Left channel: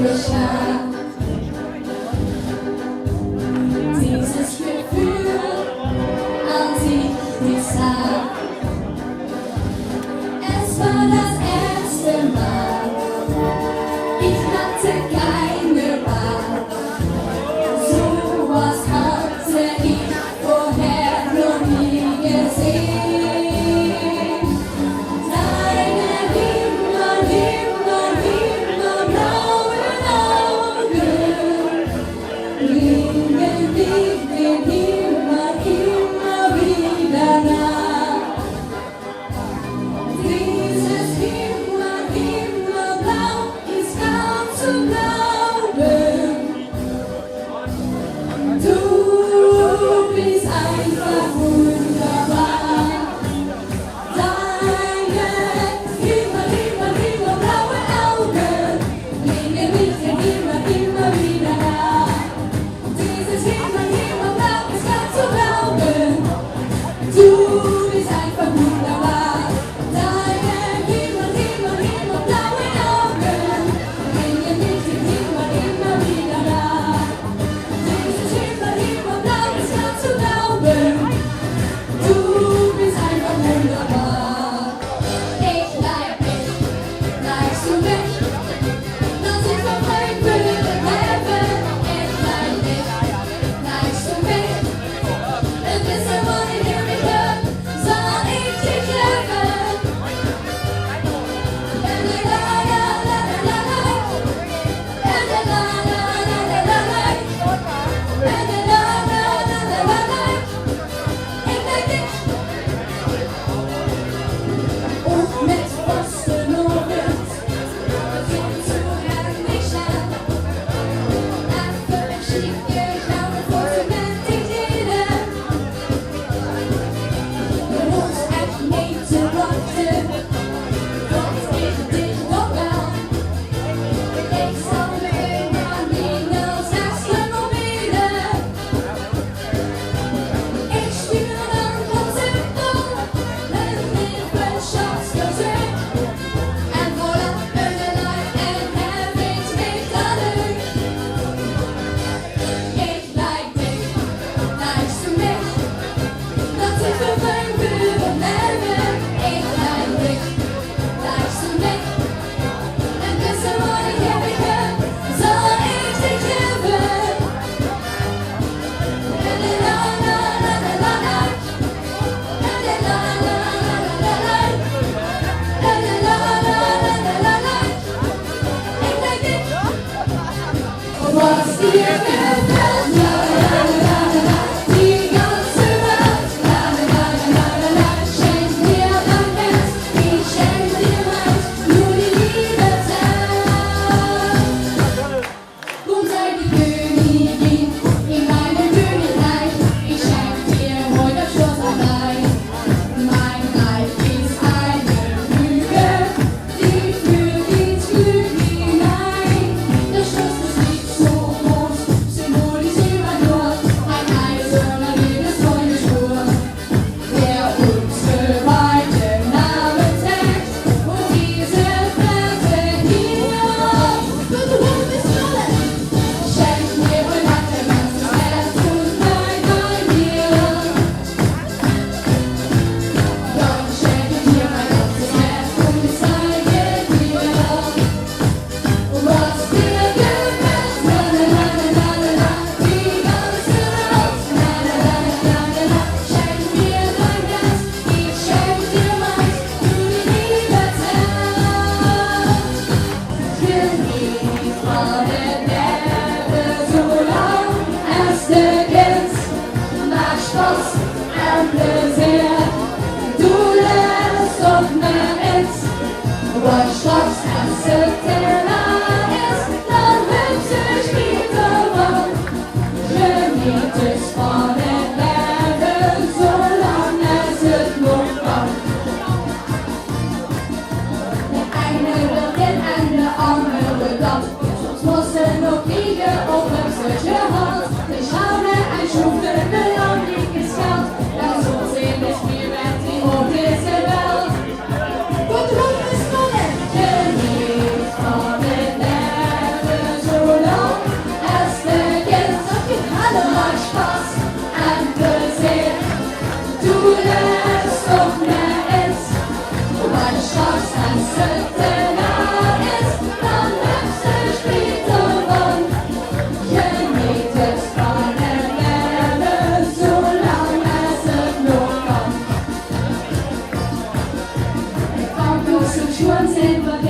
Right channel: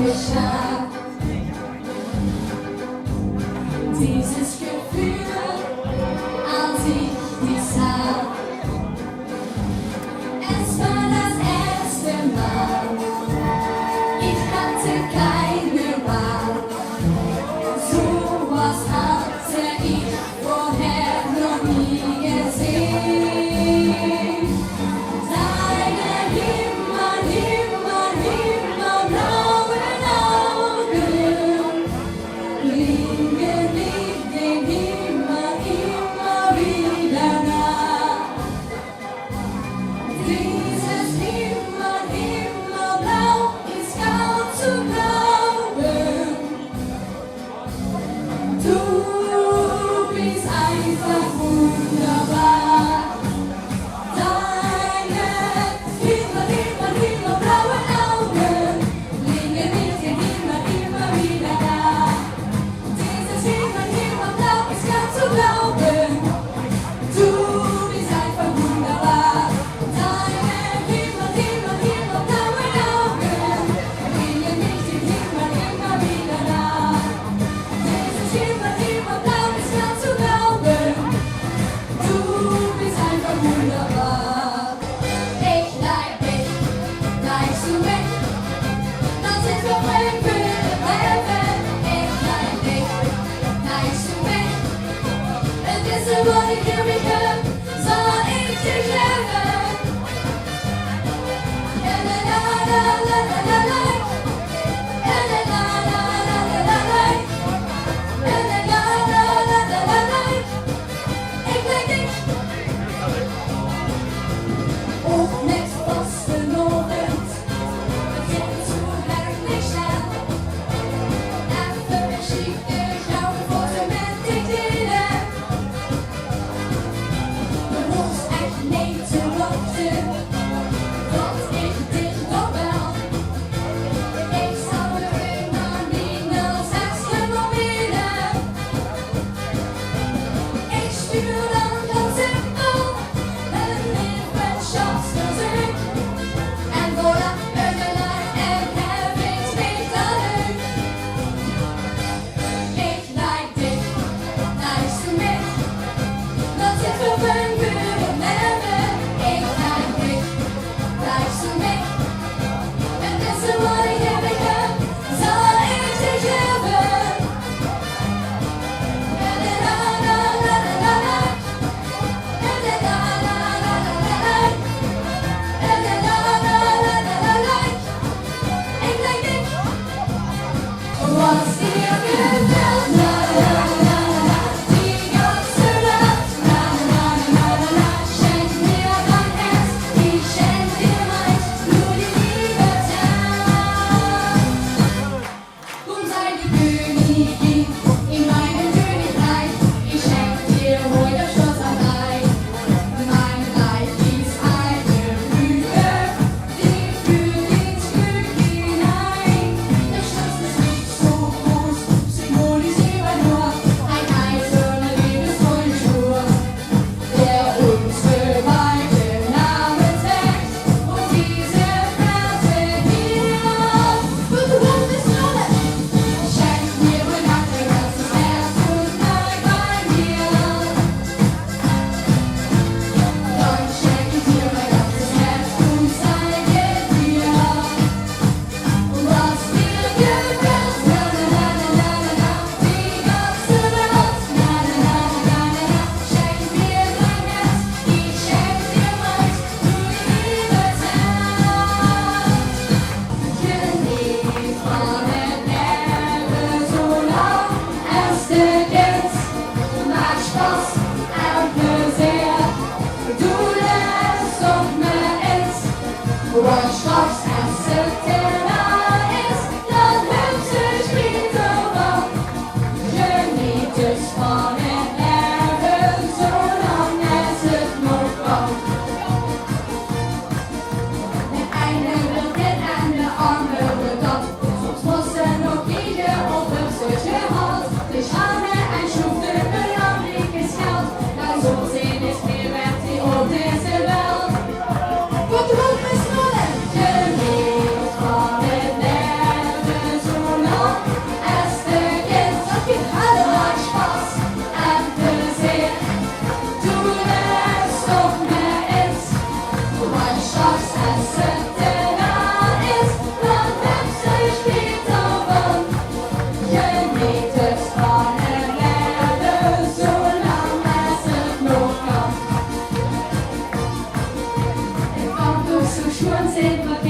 frischer. Dieses Gefühl an sich dieser. Es war das erste Mal, ich hatte keine Wahl. Sowas hatte ich vorher noch nie gesehen. Deine himmelblauen Augen liegen den Himmel immer wieder nah. Dieses Himmelblau ist kaum zu glauben. Du bist einfach wunderbar. Deine himmelblauen Augen liegen mit dem Himmel immer wieder nah. Dieses Himmelblau ist kaum zu glauben. Du bist einfach wunderbar. Deine himmelblauen Augen liegen mit dem Himmel immer wieder nah. Dieses Himmelblau ist kaum zu glauben. Du bist einfach wunderbar. Ich like mich, likest du mich? Dann sind wir fremd für den Heaven. Ich like mich, likest du mich? And this is what it here we go. Soll ich dich lieben? La la la la la la la. La la la la la la la la. La la la la la la la la. Ich like dich. once and forget.